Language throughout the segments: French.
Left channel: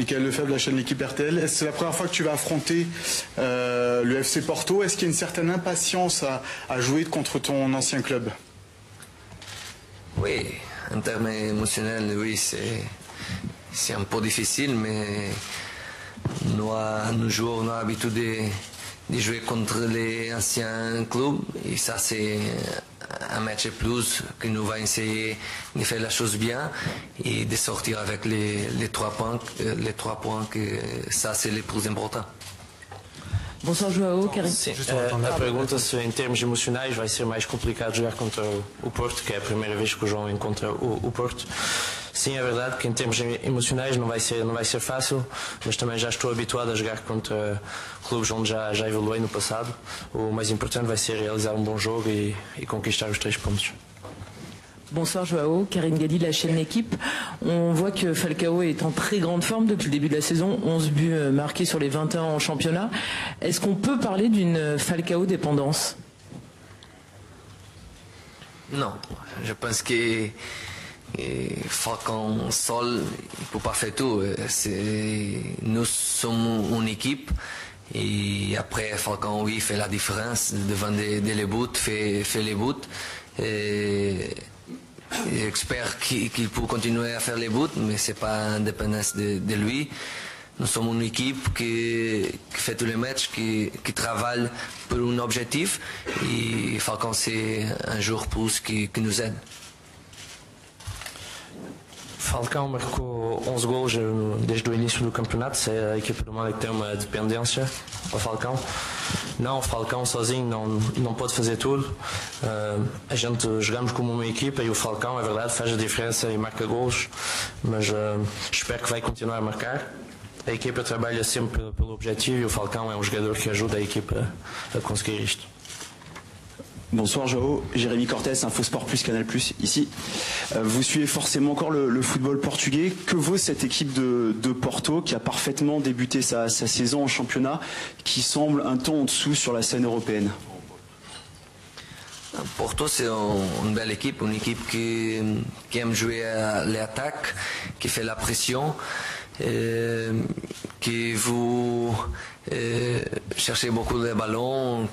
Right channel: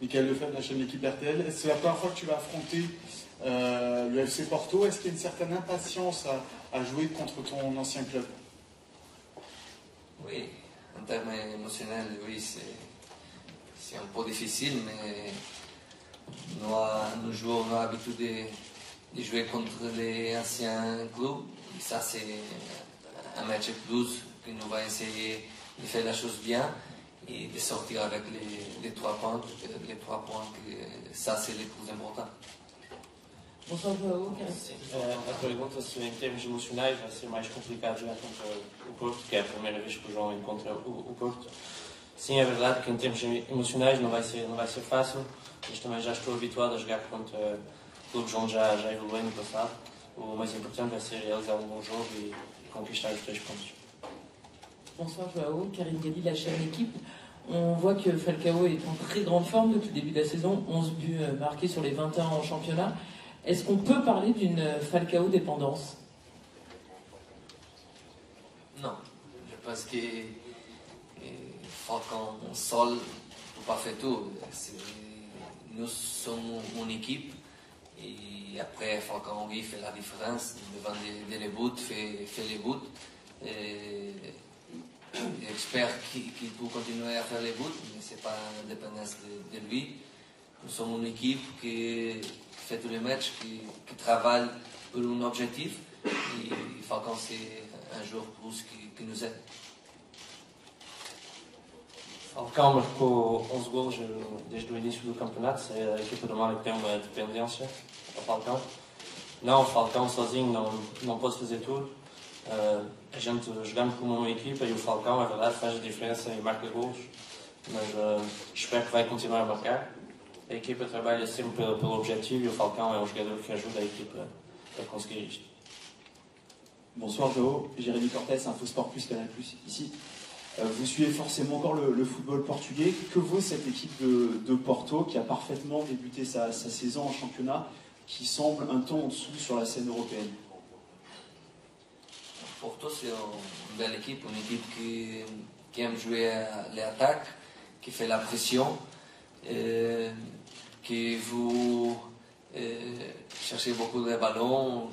Michael Lefebvre, la chaîne L'équipe RTL. C'est la première fois que tu vas affronter le FC Porto. Est-ce qu'il y a une certaine impatience à jouer contre ton ancien club? Oui, en termes émotionnels, oui, c'est un peu difficile, mais nous joueurs, on a l'habitude de jouer contre les anciens clubs, et ça c'est un match de plus que nous va essayer de faire la chose bien et de sortir avec les 3 points, que ça c'est le plus important. Bonsoir João, Karim. Sim, na pergunta se em termos emocionais vai ser mais complicado jogar contra o Porto, que é a primeira vez que o João encontra o Porto. Sim, é verdade que em termos emocionais não vai ser fácil, mas também já estou habituado a jogar contra clubes onde já evoluí no passado. O mais importante vai ser realizar um bom jogo e conquistar os 3 pontos. Bonsoir João, Karim Gali, la chaîne L'équipe. On voit que Falcao est en très grande forme depuis le début de la saison, 11 buts marqués sur les 21 en championnat. Est-ce qu'on peut parler d'une Falcao dépendance? Non, je pense que Falcao seul, il ne peut pas faire tout. Nous sommes une équipe et après Falcao, oui, fait la différence devant les buts, fait les buts. J'espère qu'il peut continuer à faire les buts, mais ce n'est pas indépendance de lui. Nous sommes une équipe qui fait tous les matchs, qui travaille pour un objectif. Et Falcao, c'est un jour plus qui nous aide. Falcao marcou 11 gols desde o início do campeonato. Se a equipa do Mário tem uma dependência ao Falcao. Não, o Falcao sozinho não pode fazer tudo. A gente jogamos como uma equipa e o Falcao, é verdade, faz a diferença e marca gols, mas espero que vai continuar a marcar. A equipa trabalha sempre pelo objetivo e o Falcao é um jogador que ajuda a equipa a conseguir isto. Bonsoir João, Jérémy Cortés, Infosport Plus, Canal Plus, ici. Vous suivez forcément encore le football portugais. Que vaut cette équipe de Porto qui a parfaitement débuté sa saison en championnat, qui semble un ton en dessous sur la scène européenne? Porto, c'est une belle équipe, qui aime jouer à l'attaque, qui fait la pression, qui vous cherchez beaucoup de ballons,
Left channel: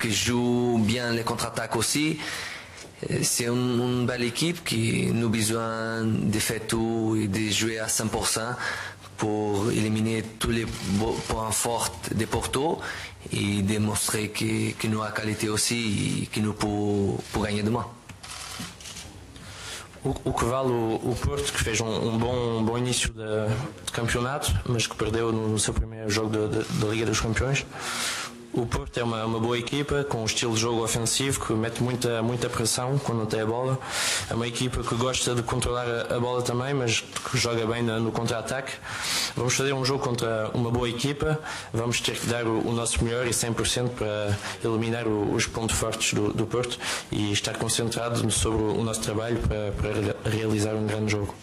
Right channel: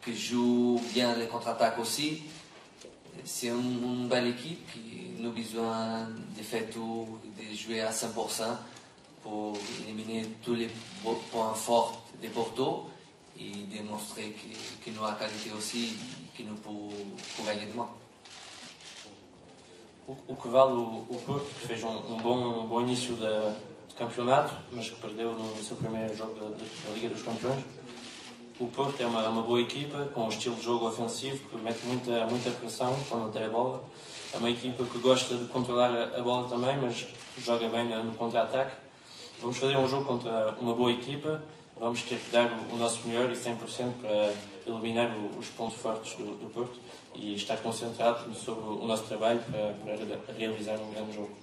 qui joue bien les contre-attaques aussi. C'est une belle équipe qui a besoin de faire tout et de jouer à 100% pour éliminer tous les points forts de Porto et démontrer que nous avons la qualité aussi et que nous pouvons gagner demain. O que vale o Porto, que fez bom início de campeonato, mas que perdeu no seu primeiro jogo da Liga dos Campeões. O Porto é uma boa equipa, com um estilo de jogo ofensivo, que mete muita pressão quando tem a bola. É uma equipa que gosta de controlar a bola também, mas que joga bem no contra-ataque. Vamos fazer um jogo contra uma boa equipa, vamos ter que dar o nosso melhor e 100% para eliminar os pontos fortes do Porto e estar concentrado sobre o nosso trabalho para realizar um grande jogo.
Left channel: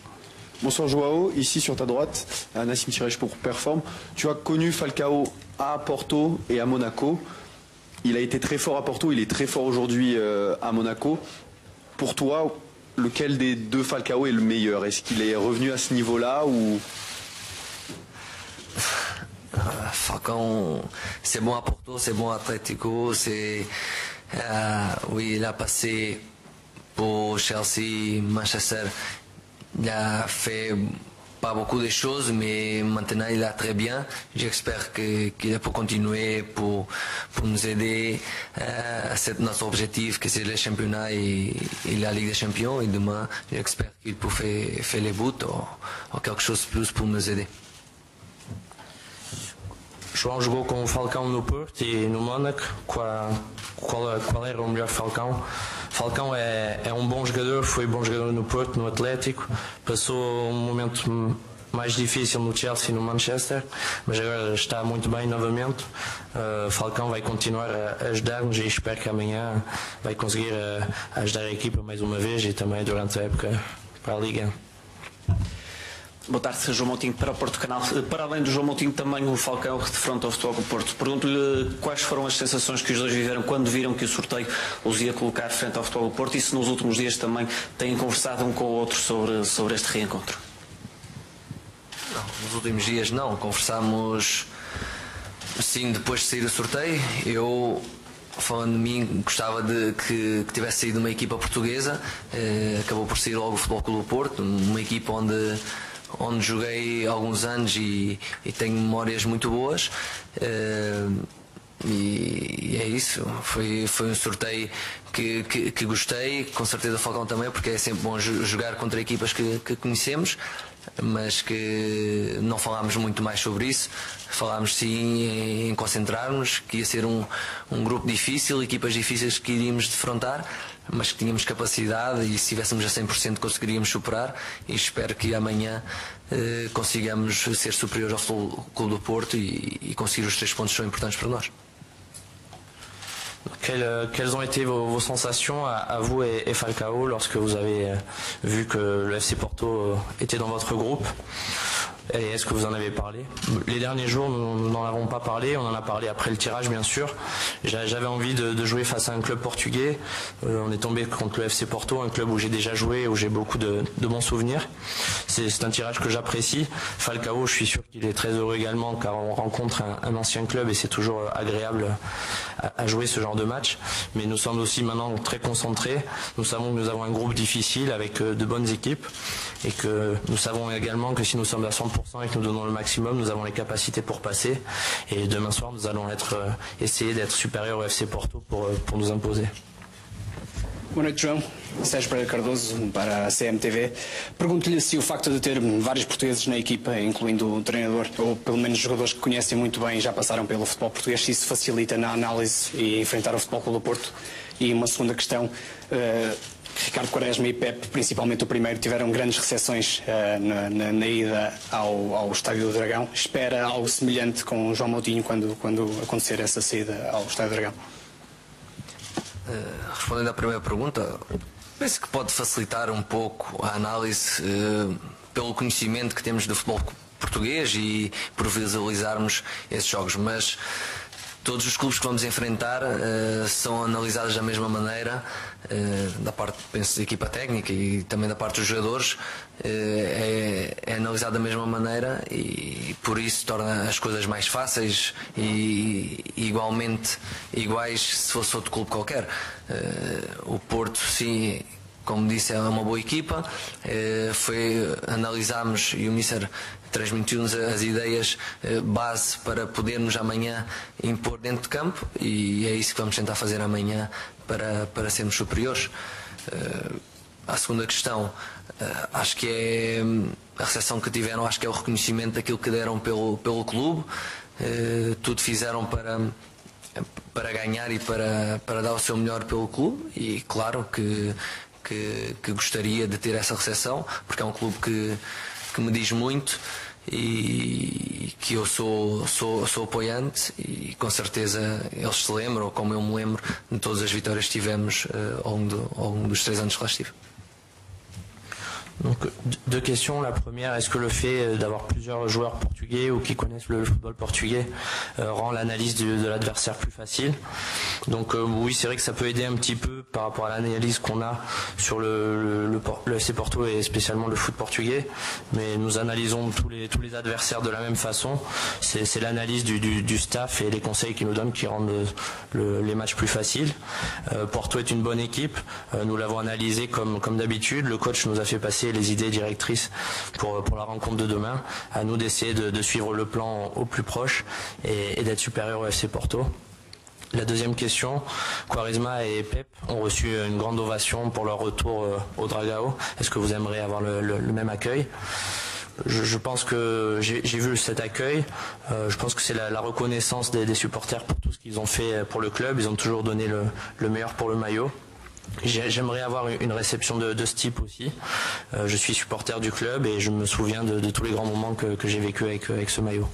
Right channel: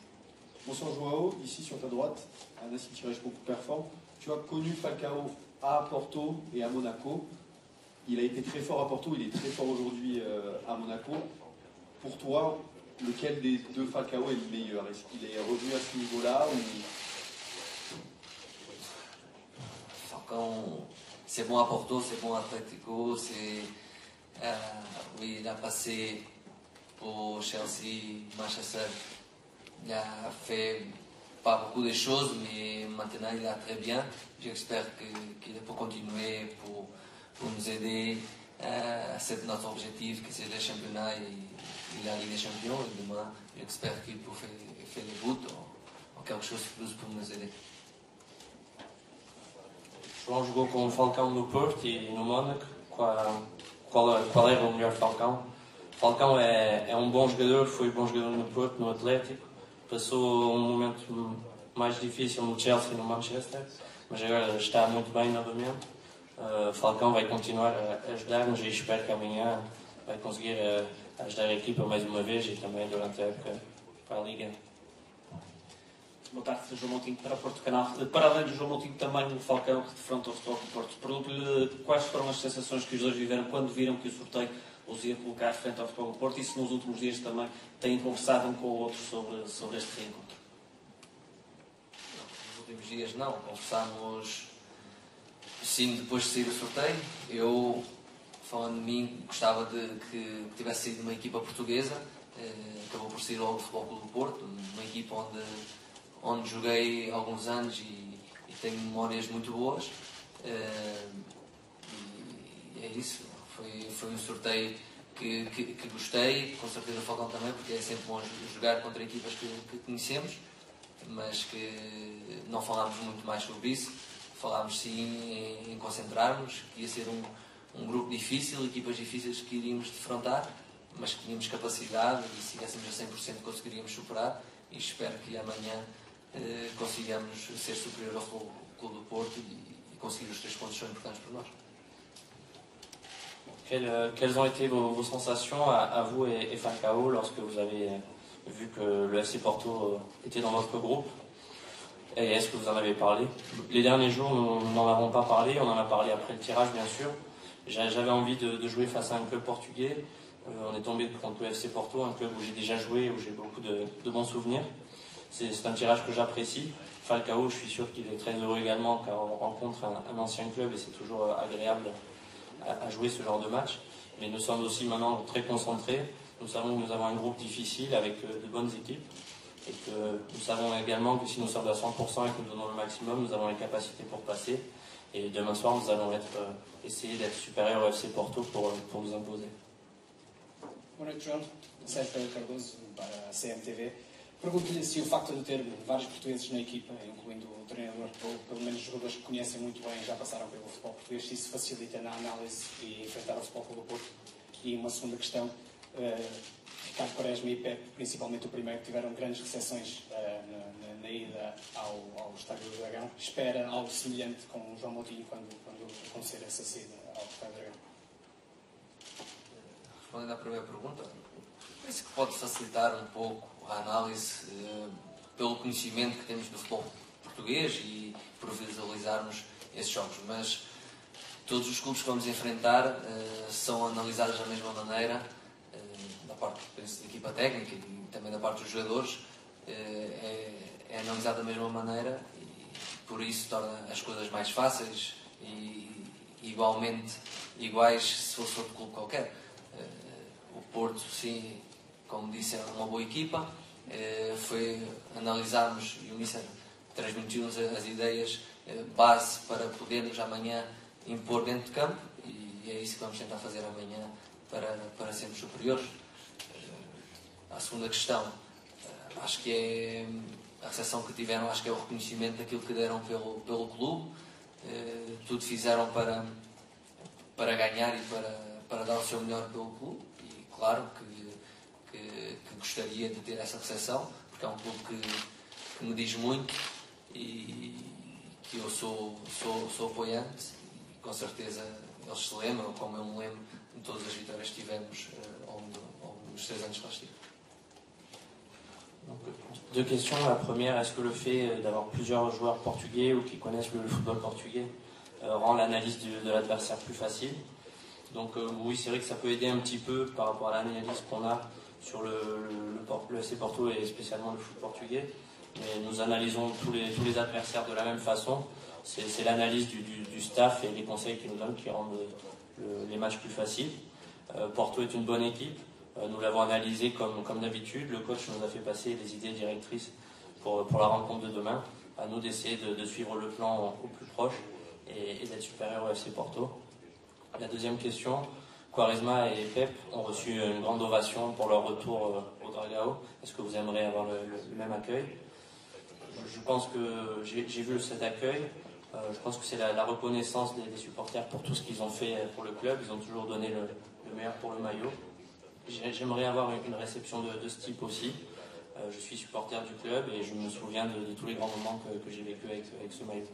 Bonsoir João, ici sur ta droite, Nassim Tirech pour Perform. Tu as connu Falcao à Porto et à Monaco. Il a été très fort à Porto, il est très fort aujourd'hui à Monaco. Pour toi, lequel des deux Falcao est le meilleur? Est-ce qu'il est revenu à ce niveau-là ou... Falcao, c'est bon à Porto, c'est bon à Atlético, oui, il a passé pour Chelsea, Manchester. Il a fait pas beaucoup de choses, mais maintenant il a très bien. J'espère qu'il peut continuer pour nous aider à notre objectif, que c'est le championnat et la Ligue des Champions. Et demain, j'espère qu'il peut faire les buts ou quelque chose de plus pour nous aider. João jogou com o Falcao no Porto e no Mónaco. Qual era o melhor Falcao? Falcao é bom jogador, foi bom jogador no Porto, no Atlético, passou um momento mais difícil no Chelsea e no Manchester, mas agora está muito bem novamente. Falcao vai continuar a ajudar-nos e espero que amanhã vai conseguir ajudar a equipa mais uma vez e também durante a época para a Liga. Boa tarde, João Moutinho para o Porto Canal. Para além do João Moutinho, também o Falcao de frente ao Futebol do Porto. Pergunto-lhe quais foram as sensações que os dois viveram quando viram que o sorteio os ia colocar frente ao Futebol do Porto e se nos últimos dias também têm conversado um com o outro sobre este reencontro. Nos últimos dias não, conversámos sim depois de sair do sorteio. Eu, falando de mim, gostava de que tivesse saído uma equipa portuguesa. Acabou por sair logo o Futebol Clube do Porto, uma equipa onde joguei alguns anos e tenho memórias muito boas. E é isso, foi um sorteio que gostei, com certeza o Falcão também, porque é sempre bom jogar contra equipas que conhecemos, mas que não falámos muito mais sobre isso. Falámos sim em concentrarmos, que ia ser um grupo difícil, equipas difíceis que iríamos defrontar, mas que tínhamos capacidade e se estivéssemos a 100% conseguiríamos superar, e espero que amanhã consigamos ser superiores ao Futebol Clube do Porto e conseguir os 3 pontos que são importantes para nós. Quelles ont été vos sensations à vous et Falcao lorsque vous avez vu que le FC Porto était dans votre groupe? Et est-ce que vous en avez parlé? Les derniers jours, nous n'en avons pas parlé, on en a parlé après le tirage bien sûr. J'avais envie de jouer face à un club portugais. On est tombé contre le FC Porto, un club où j'ai déjà joué, où j'ai beaucoup de bons souvenirs. C'est un tirage que j'apprécie. Falcao, je suis sûr qu'il est très heureux également car on rencontre un ancien club et c'est toujours agréable à jouer ce genre de match. Mais nous sommes aussi maintenant très concentrés. Nous savons que nous avons un groupe difficile avec de bonnes équipes. Et que nous savons également que si nous sommes à 100% et que nous donnons le maximum, nous avons les capacités pour passer. Et demain soir, nous allons essayer d'être supérieurs au FC Porto pour nous imposer. Boa noite, João. Sérgio Pereira Cardoso, para a CMTV. Pergunto-lhe se o facto de ter vários portugueses na equipa, incluindo o treinador, ou pelo menos jogadores que conhecem muito bem e já passaram pelo futebol português, se isso facilita na análise e enfrentar o Futebol Clube do Porto. E uma segunda questão, Ricardo Quaresma e Pepe, principalmente o primeiro, tiveram grandes recepções na ida ao Estádio do Dragão. Espera algo semelhante com o João Moutinho quando acontecer essa saída ao Estádio do Dragão? Respondendo à primeira pergunta, penso que pode facilitar um pouco a análise pelo conhecimento que temos do futebol português e por visualizarmos esses jogos, mas todos os clubes que vamos enfrentar são analisados da mesma maneira, da parte, penso, da equipa técnica e também da parte dos jogadores, é analisado da mesma maneira e por isso torna as coisas mais fáceis e igualmente iguais se fosse outro clube qualquer. O Porto, sim, como disse, é uma boa equipa. Analisámos e o Mister transmitiu-nos as ideias base para podermos amanhã impor dentro de campo e é isso que vamos tentar fazer amanhã para sermos superiores. A segunda questão, acho que é a recepção que tiveram, acho que é o reconhecimento daquilo que deram pelo clube. Tudo fizeram para ganhar e para dar o seu melhor pelo clube e claro que gostaria de ter essa recepção porque é um clube que me diz muito e que eu sou apoiante e com certeza eles se lembram, como eu me lembro, de todas as vitórias que tivemos ao longo dos 3 anos que lá estive. Donc, 2 questions. La première, est-ce que le fait d'avoir plusieurs joueurs portugais ou qui connaissent le football portugais rend l'analyse de l'adversaire plus facile? Donc oui, c'est vrai que ça peut aider un petit peu par rapport à l'analyse qu'on a sur le FC Porto et spécialement le foot portugais. Mais nous analysons tous les adversaires de la même façon. C'est l'analyse du staff et les conseils qu'ils nous donnent qui rendent les matchs plus faciles. Porto est une bonne équipe. Nous l'avons analysé comme d'habitude. Le coach nous a fait passer les idées directrices pour la rencontre de demain. À nous d'essayer de suivre le plan au plus proche et d'être supérieur au FC Porto. La deuxième question, Quaresma et Pep ont reçu une grande ovation pour leur retour au Dragao. Est-ce que vous aimeriez avoir le même accueil? Je pense que j'ai vu cet accueil. Je pense que c'est la reconnaissance des supporters pour tout ce qu'ils ont fait pour le club. Ils ont toujours donné le meilleur pour le maillot. J'aimerais avoir une réception de ce type aussi. Je suis supporter du club et je me souviens de tous les grands moments que j'ai vécu avec ce maillot.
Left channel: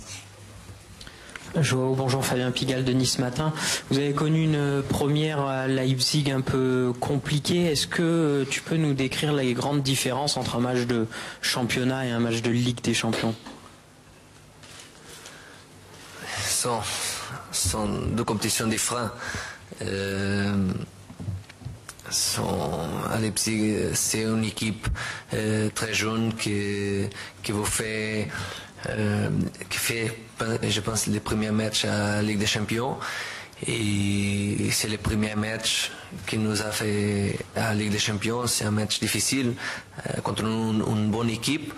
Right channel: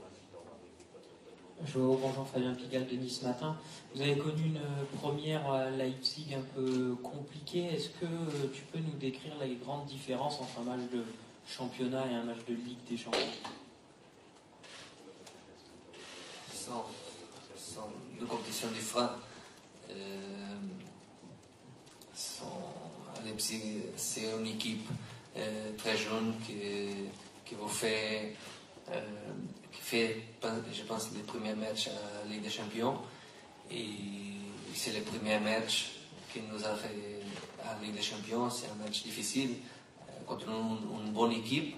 Bonjour, Fabien Pigalle de Nice Matin. Vous avez connu une première à Leipzig un peu compliquée. Est-ce que tu peux nous décrire les grandes différences entre un match de championnat et un match de Ligue des Champions? Sont 2 compétitions différentes. À Leipzig, c'est une équipe très jeune qui vous fait qui fait, je pense, les premiers matchs à la Ligue des Champions. Et c'est le premier match qui nous a fait à la Ligue des Champions. C'est un match difficile contre une bonne équipe.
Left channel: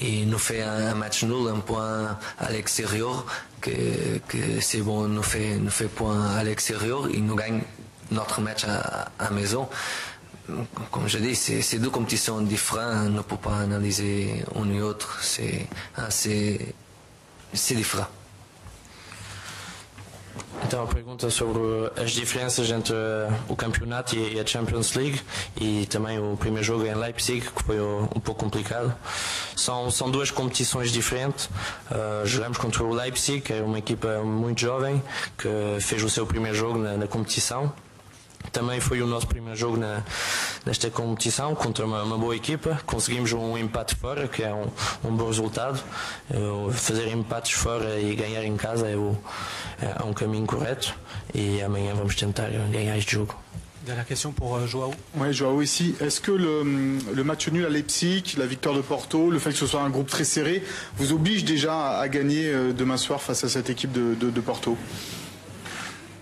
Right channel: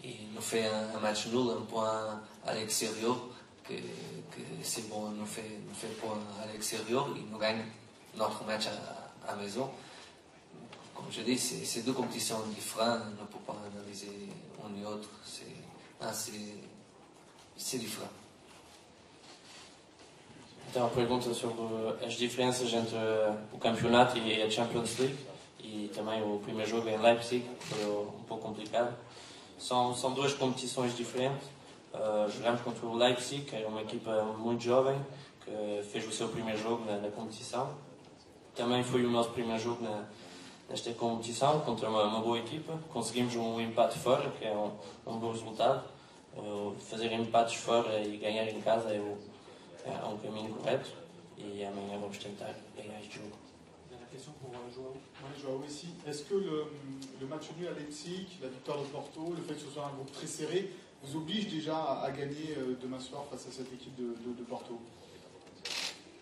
Et nous fait un match nul, un point à l'extérieur, que c'est bon, nous fait point à l'extérieur et nous gagne notre match à la maison. Comme je dis, c'est deux compétitions différentes, on ne peut pas analyser une ou l'autre, c'est différent. Então, a pergunta sobre as diferenças entre o campeonato e a Champions League e também o primeiro jogo em Leipzig, que foi um pouco complicado. São duas competições diferentes. Jogamos contra o Leipzig, que é uma equipa muito jovem, que fez o seu primeiro jogo na competição. Também foi o nosso primeiro jogo nesta competição contra uma boa equipa. Conseguimos um empate fora, que é um bom resultado. Fazer empates fora e ganhar em casa é un caminho correct et amanhã vamos tentar gagner ce jour. Dernière question pour Joao. Oui, Joao ici. Est-ce que le match nul à Leipzig, la victoire de Porto, le fait que ce soit un groupe très serré, vous oblige déjà à gagner demain soir face à cette équipe de Porto?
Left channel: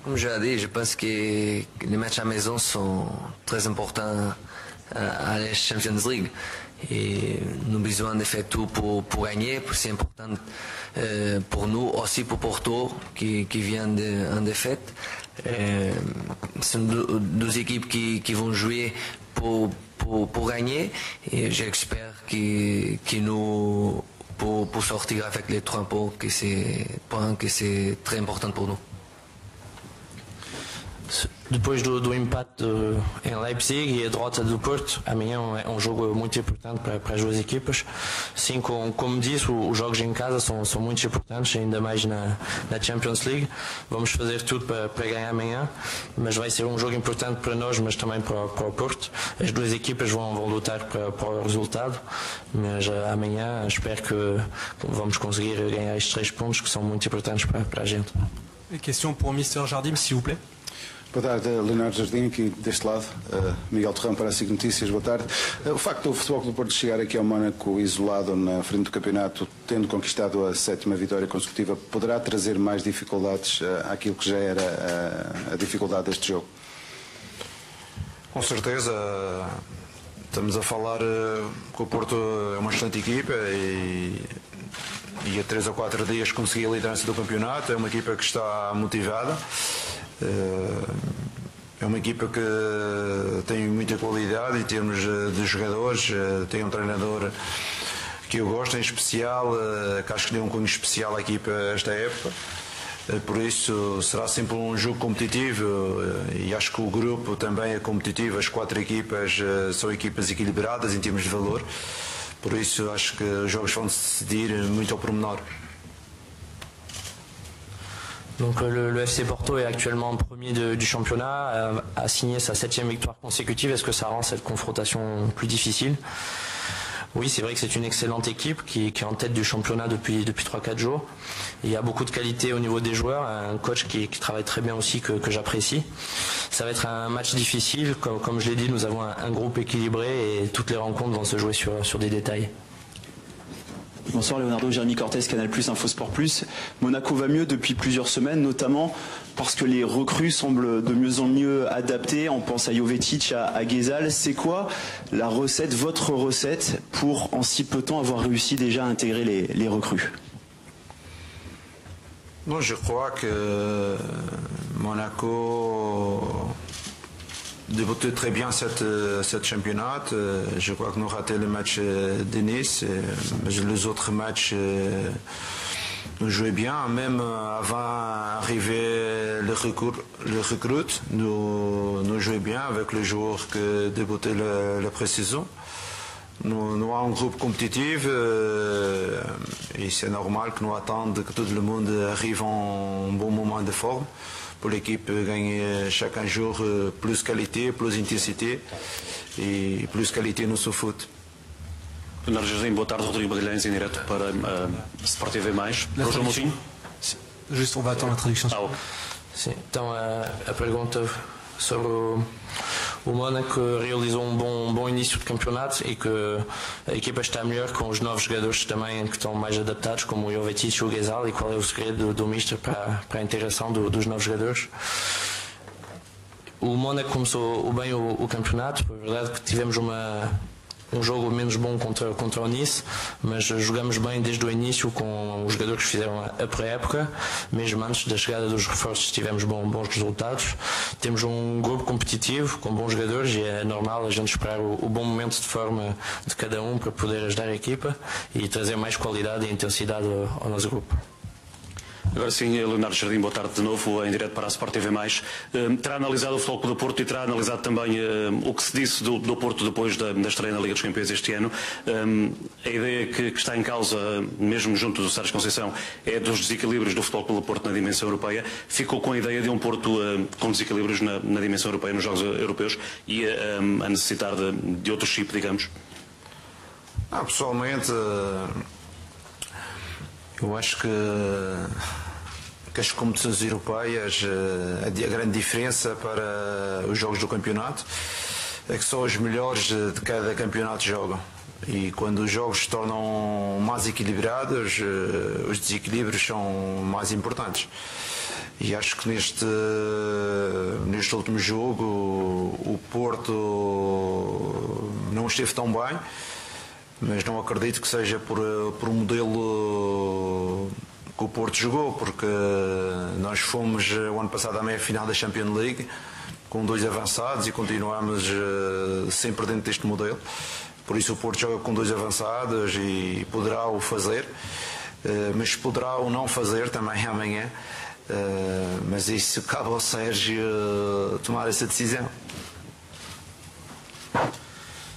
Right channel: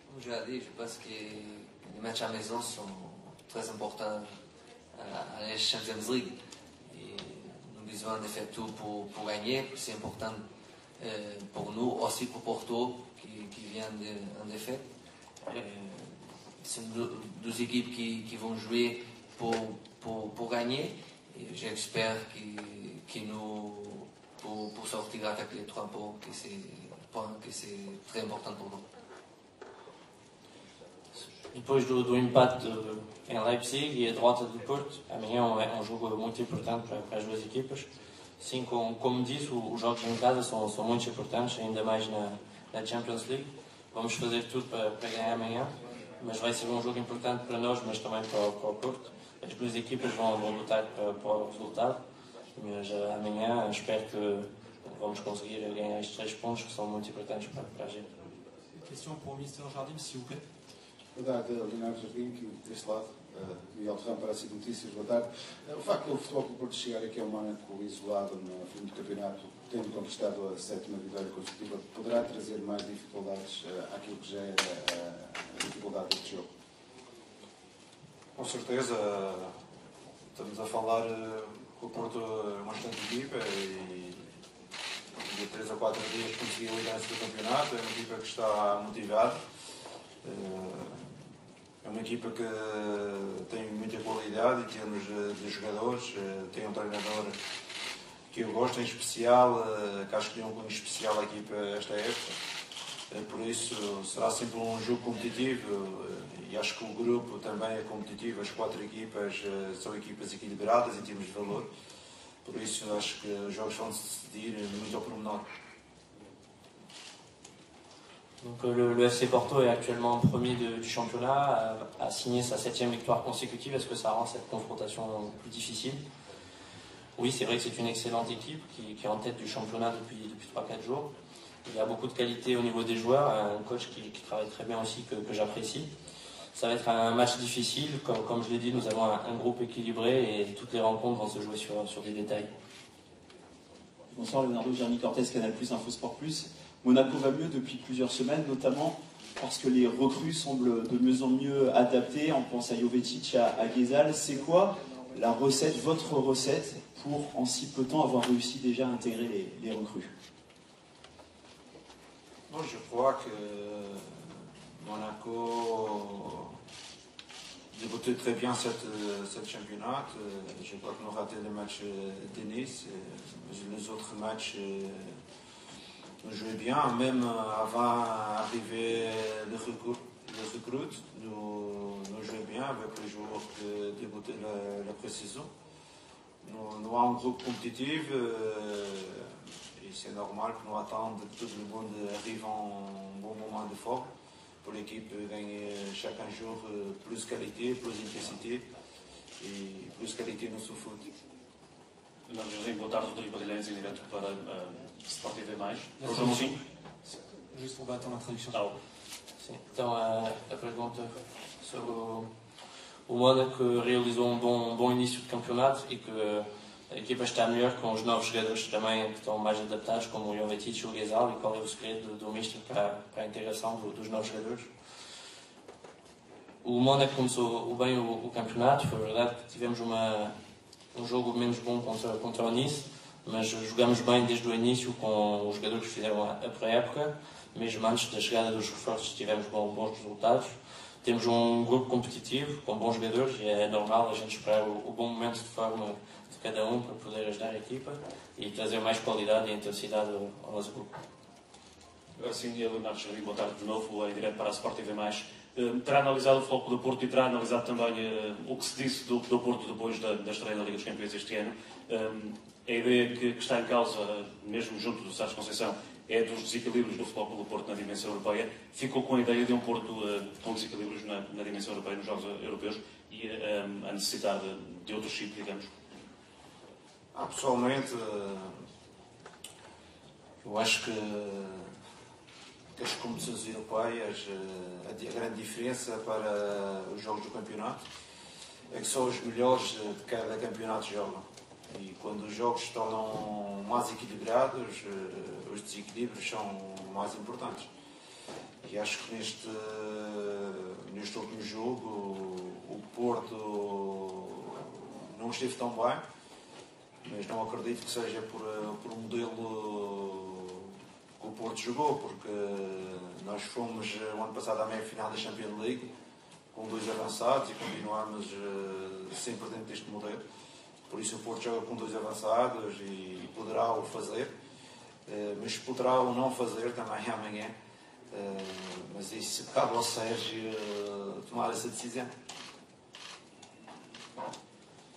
Comme je l'ai dit, je pense que les matchs à la maison sont très importants à la Champions League. Et nous avons besoin de faire tout pour gagner, c'est important pour nous, aussi pour Porto qui vient en défaite. Ce sont deux équipes qui vont jouer pour gagner et j'espère que nous pour sortir avec les 3 points que c'est très important pour nous. Depois do empate em Leipzig e a derrota do Porto, amanhã é um jogo muito importante para as duas equipas. Sim, como disse, os jogos em casa são muito importantes, ainda mais na Champions League. Vamos fazer tudo para ganhar amanhã, mas vai ser um jogo importante para nós, mas também para o Porto. As duas equipas vão lutar para o resultado, mas amanhã espero que vamos conseguir ganhar estes 3 pontos que são muito importantes para a gente. Question pour Mr. Jardim, s'il vous plaît. Boa tarde, Leonardo Jardim, aqui deste lado, Miguel Terrão para a SIC Notícias, boa tarde. O facto do Futebol Clube do Porto chegar aqui ao Mónaco isolado na frente do campeonato, tendo conquistado a 7ª vitória consecutiva, poderá trazer mais dificuldades àquilo que já era a dificuldade deste jogo? Com certeza, estamos a falar que o Porto é uma excelente equipa e a 3 ou 4 dias conseguiu a liderança do campeonato, é uma equipa que está motivada. É uma equipa que tem muita qualidade em termos de jogadores, tem um treinador que eu gosto em especial, que acho que deu um cunho especial à equipa esta época. Por isso será sempre um jogo competitivo e acho que o grupo também é competitivo, as 4 equipas são equipas equilibradas em termos de valor, por isso acho que os jogos vão se decidir muito ao pormenor. Donc le FC Porto est actuellement premier du championnat, a signé sa 7e victoire consécutive. Est-ce que ça rend cette confrontation plus difficile? Oui, c'est vrai que c'est une excellente équipe qui est en tête du championnat depuis 3-4 jours. Il y a beaucoup de qualité au niveau des joueurs, un coach qui travaille très bien aussi que j'apprécie. Ça va être un match difficile, comme je l'ai dit, nous avons un groupe équilibré et toutes les rencontres vont se jouer sur des détails. Bonsoir Leonardo, Jérémy Cortés, Canal+, Infosport+. Monaco va mieux depuis plusieurs semaines, notamment parce que les recrues semblent de mieux en mieux adaptées. On pense à Jovetic, à Ghezal. C'est quoi la recette, votre recette, pour en si peu de temps avoir réussi déjà à intégrer les recrues? Non, je crois que Monaco débuté très bien cette championnat. Je crois que nous avons raté le match de Nice, mais les autres matchs nous jouaient bien. Même avant d'arriver le recrute, nous jouions bien avec les joueurs qui débutaient la pré-saison. Nous avons un groupe compétitif et c'est normal que nous attendions que tout le monde arrive en bon moment de forme. Pour l'équipe gagner chaque jour plus qualité, plus intensité e plus qualité no seu foot. Leonardo Jardim, boa tarde, Rodrigo Magalhães, em direto para Sport TV+. Juste, on va attendre la traduction. Sim, então a pergunta sobre O Mónaco realizou um bom início de campeonato e que a equipa está melhor com os novos jogadores também que estão mais adaptados, como o Jovetic e o Ghezal. E qual é o segredo do Mister para a integração dos novos jogadores? O Mónaco começou bem o campeonato. É verdade que tivemos um jogo menos bom contra o Nice, mas jogamos bem desde o início com os jogadores que fizeram a pré-época. Mesmo antes da chegada dos reforços tivemos bons resultados. Temos um grupo competitivo com bons jogadores e é normal a gente esperar o bom momento de forma de cada um para poder ajudar a equipa e trazer mais qualidade e intensidade ao nosso grupo. Agora sim, Leonardo Jardim, boa tarde de novo, em direto para a Sport TV+. Terá analisado o Futebol Clube do Porto e terá analisado também o que se disse do Porto depois da estreia na Liga dos Campeões este ano. A ideia que está em causa, mesmo junto do Sérgio Conceição, é dos desequilíbrios do Futebol Clube do Porto na dimensão europeia. Ficou com a ideia de um Porto com desequilíbrios na dimensão europeia, nos Jogos Europeus, e a necessidade de outro chip, digamos? Pessoalmente, eu acho que as competições europeias, a grande diferença para os jogos do campeonato é que só os melhores de cada campeonato jogam. E quando os jogos se tornam mais equilibrados, os desequilíbrios são mais importantes. E acho que neste último jogo o Porto não esteve tão bem, mas não acredito que seja por um modelo que o Porto jogou, porque nós fomos o ano passado à meia-final da Champions League com 2 avançados e continuamos sempre dentro deste modelo. Por isso o Porto joga com 2 avançados e poderá o fazer, mas poderá o não fazer também amanhã. Mas isso cabe ao Sérgio tomar essa decisão.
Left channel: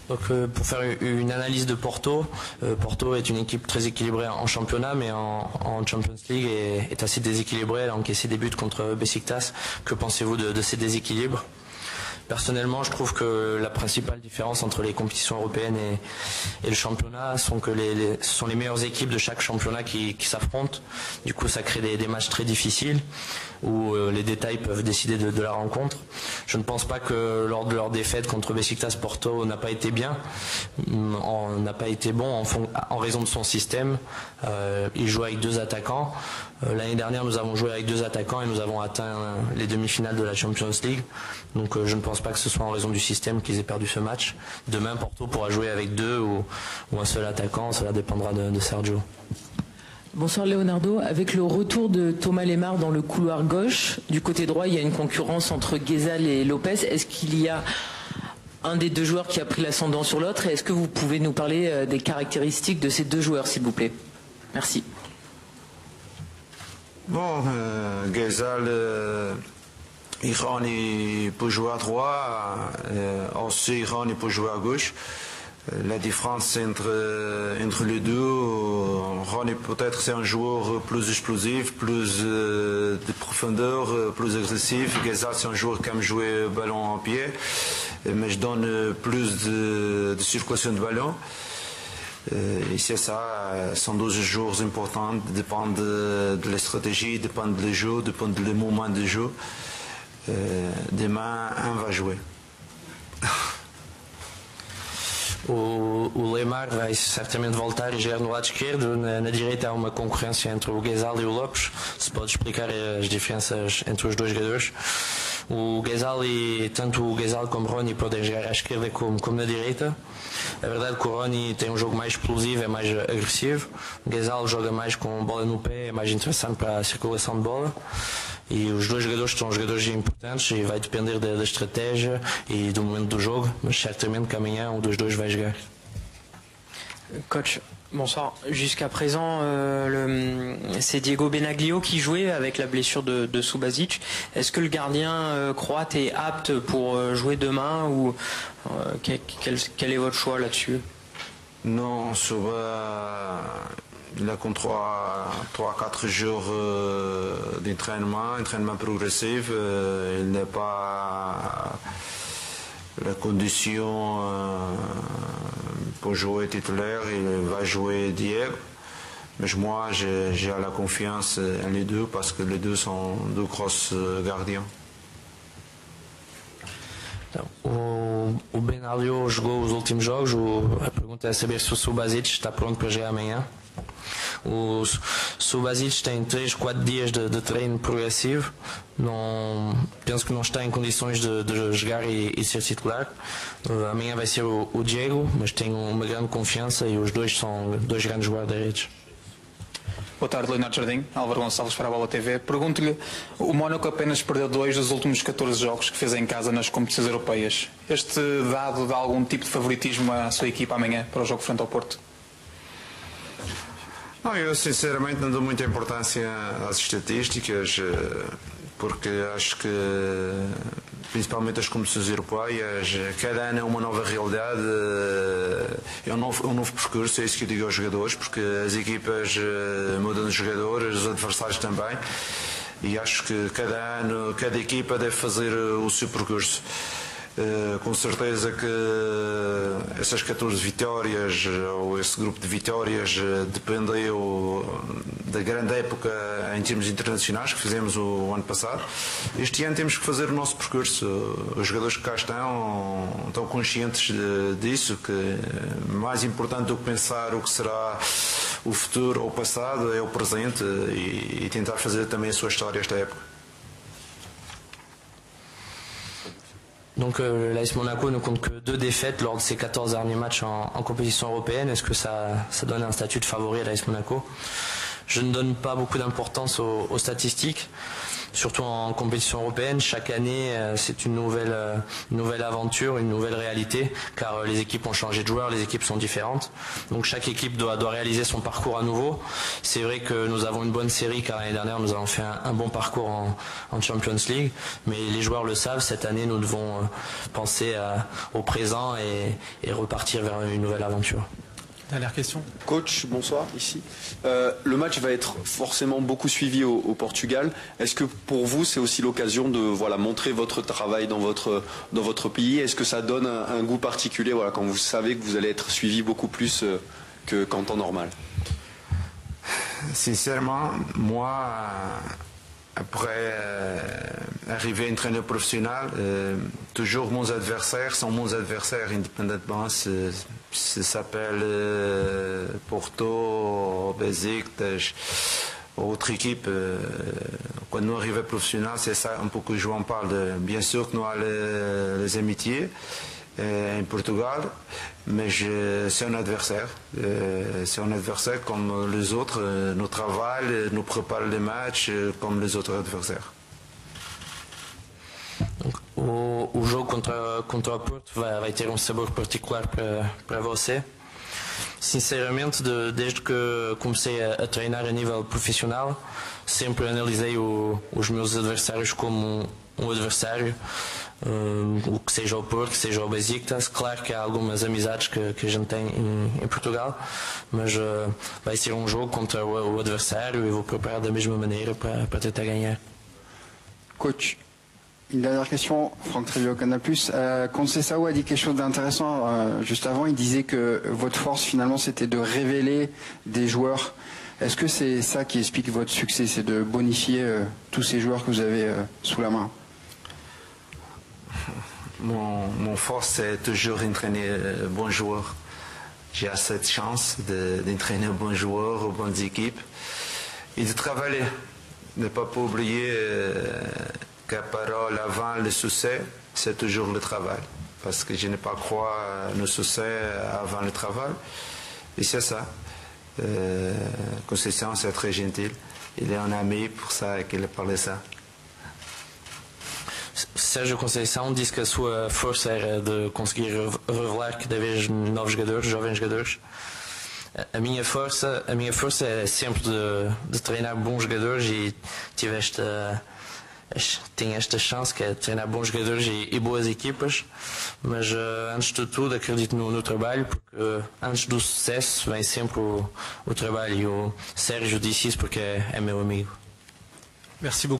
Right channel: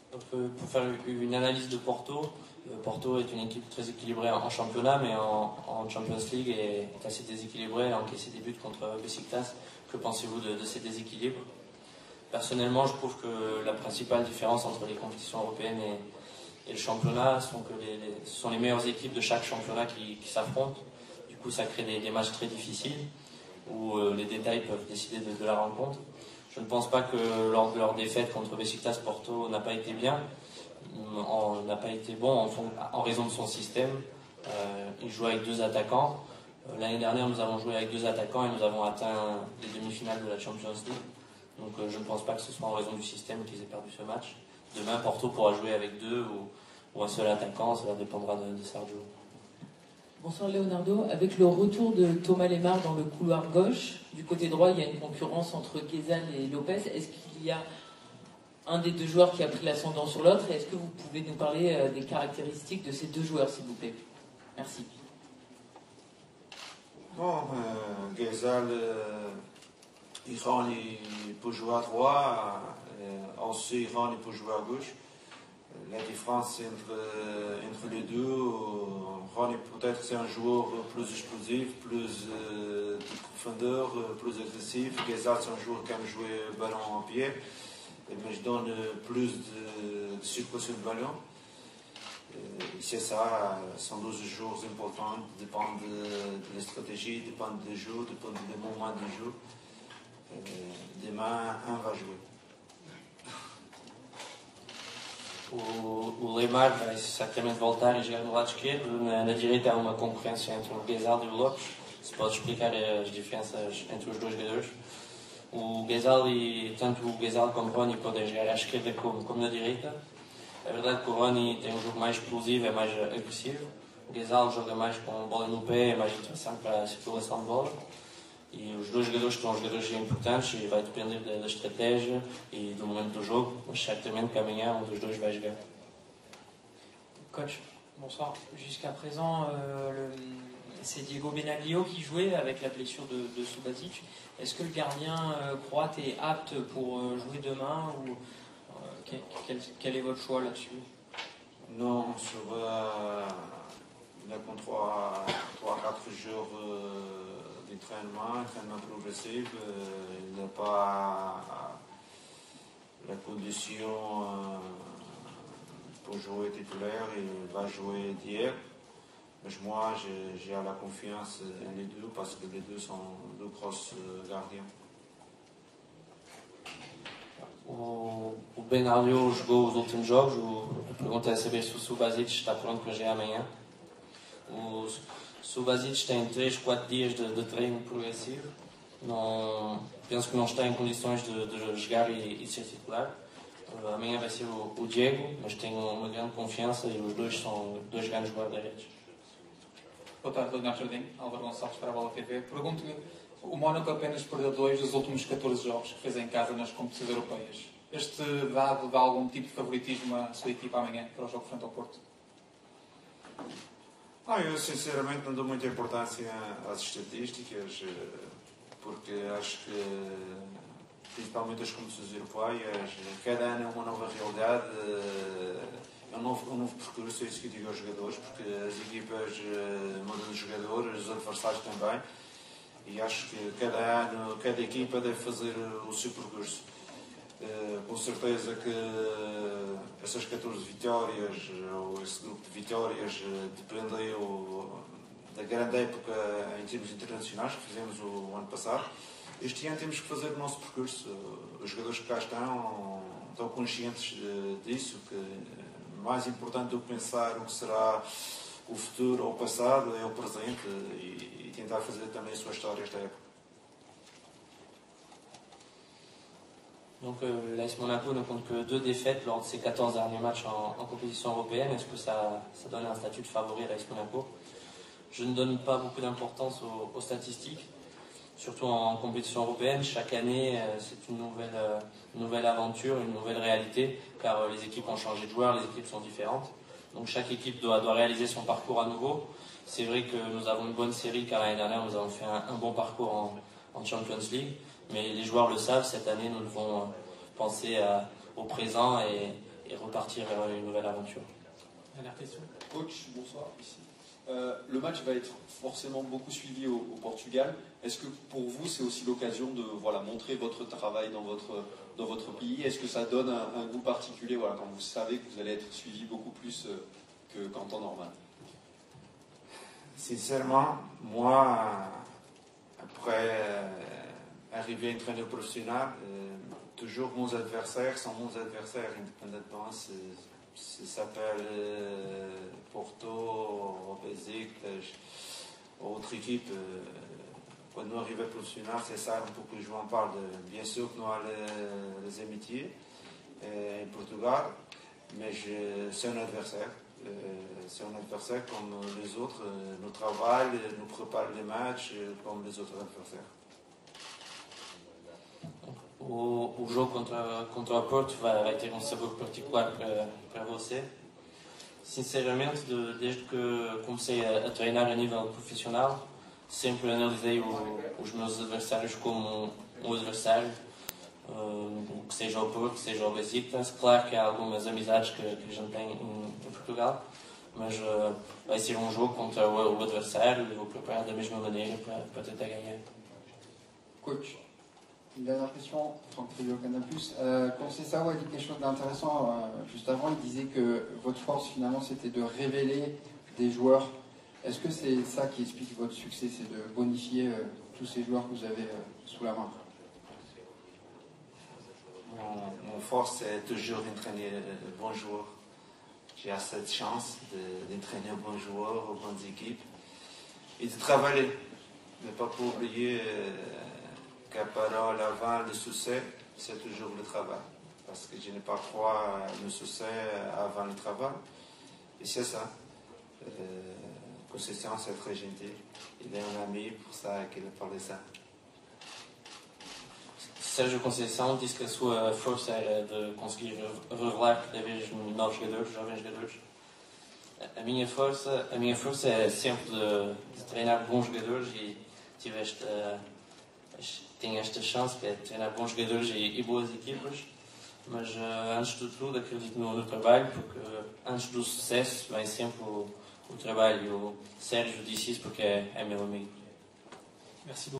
Donc, pour faire une analyse de Porto, Porto est une équipe très équilibrée en championnat, mais en Champions League est assez déséquilibrée. Elle a encaissé des buts contre Beşiktaş. Que pensez-vous de ces déséquilibres? Personnellement, je trouve que la principale différence entre les compétitions européennes et le championnat sont que ce sont les meilleures équipes de chaque championnat qui s'affrontent. Du coup, ça crée des matchs très difficiles où les détails peuvent décider de la rencontre. Je ne pense pas que lors de leur défaite contre Beşiktaş, Porto n'a pas été bien, n'a pas été bon en raison de son système. Il joue avec 2 attaquants. L'année dernière, nous avons joué avec 2 attaquants et nous avons atteint les demi-finales de la Champions League. Donc je ne pense pas que ce soit en raison du système qu'ils aient perdu ce match. Demain, Porto pourra jouer avec 2 ou un seul attaquant, cela dépendra de Sergio. Bonsoir Leonardo, avec le retour de Thomas Lemar dans le couloir gauche, du côté droit il y a une concurrence entre Ghezal et Lopez. Est-ce qu'il y a un des 2 joueurs qui a pris l'ascendant sur l'autre et est-ce que vous pouvez nous parler des caractéristiques de ces 2 joueurs s'il vous plaît? Merci. Bon, Ghezal et Rani peut jouer à droite, aussi Rani peut jouer à gauche. La différence entre les deux, Rani peut-être c'est un joueur plus explosif, plus de profondeur, plus agressif. Ghezal c'est un joueur qui aime jouer ballon en pied, mais je donne plus de circulation de ballon. Et c'est ça, sont 2 joueurs importants, dépendent de la stratégie, dépendent du jeu, dépendent du moment de jeu. Demain, un va jouer. O Lemar vai certamente voltar e jogar no lado esquerdo. Na direita há uma concorrência entre o Ghezal e o Lopes. Se pode explicar as diferenças entre os 2 jogadores. O Ghezal tanto o Ghezal como o Rony podem jogar à esquerda como na direita. É verdade que o Rony tem um jogo mais explosivo, é mais agressivo. O Ghezal joga mais com bola no pé, é mais interessante para a circulação de bola. E os 2 jogadores são jogadores importantes e vai depender da estratégia e do momento do jogo, mas certamente que amanhã um dos 2 vai jogar. Coach, bonsoir. Jusqu'à présent, c'est Diego Benaglio qui jouait avec la blessure de Subasic. Est-ce que le gardien croate est apte pour jouer demain ou quel est votre choix là-dessus? Non, il a comme 3-4 jours d'entraînement progressif. Il n'a pas la condition pour jouer titulaire. Il va jouer d'hier. Mais moi, j'ai la confiance en les 2 parce que les 2 sont 2 grosses gardiens. O Bernardo jogou os últimos jogos. A pergunta é saber se o Subasic está pronto para jogar amanhã. O Subasic tem 3-4 dias de treino progressivo. Penso que não está em condições de jogar e ser titular. Amanhã vai ser o Diego, mas tenho uma grande confiança e os dois são dois grandes guarda-redes. Boa tarde, Leonardo Jardim. Álvaro Gonçalves para a Bola TV. Pergunto-lhe, o Mónaco apenas perdeu 2 dos últimos 14 jogos que fez em casa nas competições europeias. Este dado dá algum tipo de favoritismo à sua equipa amanhã para o jogo frente ao Porto? Não, eu sinceramente não dou muita importância às estatísticas, porque acho que principalmente as competições europeias, cada ano é uma nova realidade, é um novo percurso, é isso que eu digo aos jogadores, porque as equipas mudam de jogadores, os adversários também, e acho que cada ano, cada equipa deve fazer o seu percurso. Com certeza que essas 14 vitórias ou esse grupo de vitórias dependeu da grande época em termos internacionais que fizemos o ano passado. Este ano temos que fazer o nosso percurso. Os jogadores que cá estão conscientes disso, que mais importante do que pensar o que será o futuro ou o passado é o presente e tentar fazer também a sua história esta época. Donc l'AS Monaco ne compte que 2 défaites lors de ses 14 derniers matchs en compétition européenne. Est-ce que ça donne un statut de favori à l'AS Monaco? Je ne donne pas beaucoup d'importance aux statistiques, surtout en compétition européenne. Chaque année, c'est une nouvelle aventure, une nouvelle réalité, car les équipes ont changé de joueurs, les équipes sont différentes. Donc chaque équipe doit réaliser son parcours à nouveau. C'est vrai que nous avons une bonne série, car l'année dernière, nous avons fait un bon parcours en Champions League. Mais les joueurs le savent, cette année, nous devons penser au présent et repartir vers une nouvelle aventure. Dernière question. Coach, bonsoir, ici. Le match va être forcément beaucoup suivi au Portugal. Est-ce que pour vous, c'est aussi l'occasion de montrer votre travail dans votre pays? Est-ce que ça donne un goût particulier quand vous savez que vous allez être suivi beaucoup plus qu'en temps normal? Sincèrement, moi, après arriver à entraîneur professionnel, toujours mes adversaires sont mes adversaires, indépendamment ça s'appelle Porto, Besiktas, autre équipe. Quand nous arrivons professionnel, c'est ça un peu que je en parle. Bien sûr que nous avons les amitiés en Portugal, mais c'est un adversaire. C'est un adversaire comme les autres. Nous travaillons, nous préparons les matchs comme les autres adversaires. O jogo contra o Porto vai ter sabor particular para você. Sinceramente, desde que comecei a treinar a nível profissional, sempre analisei os meus adversários como um adversário, o que seja o Porto, que seja o Besiktas. Claro que há algumas amizades que a gente tem em Portugal, mas vai ser um jogo contra o adversário e vou preparar da mesma maneira para tentar ganhar. Coach, une dernière question, Franck Tréviot, Canal+. Conceição a dit quelque chose d'intéressant juste avant. Il disait que votre force finalement c'était de révéler des joueurs. Est-ce que c'est ça qui explique votre succès, c'est de bonifier tous ces joueurs que vous avez sous la main? Mon force c'est toujours d'entraîner bons joueurs. J'ai cette chance d'entraîner bons joueurs, bonnes équipes et de travailler. Ne pas oublier qu'à parole avant le succès, c'est toujours le travail. Parce que je n'ai pas croire le succès avant le travail. Et c'est ça. Conceição, c'est très gentil. Il est un ami, pour ça qu'il parle de ça. Sérgio Conceição disse que a sua força era de conseguir revelar cada vez novos jogadores, jovens jogadores. A minha força é sempre de treinar bons jogadores e tenho esta chance que é de treinar bons jogadores e boas equipas, mas antes de tudo acredito no trabalho, porque antes do sucesso vem sempre o trabalho. O Sérgio disse isso porque é meu amigo. Merci beaucoup.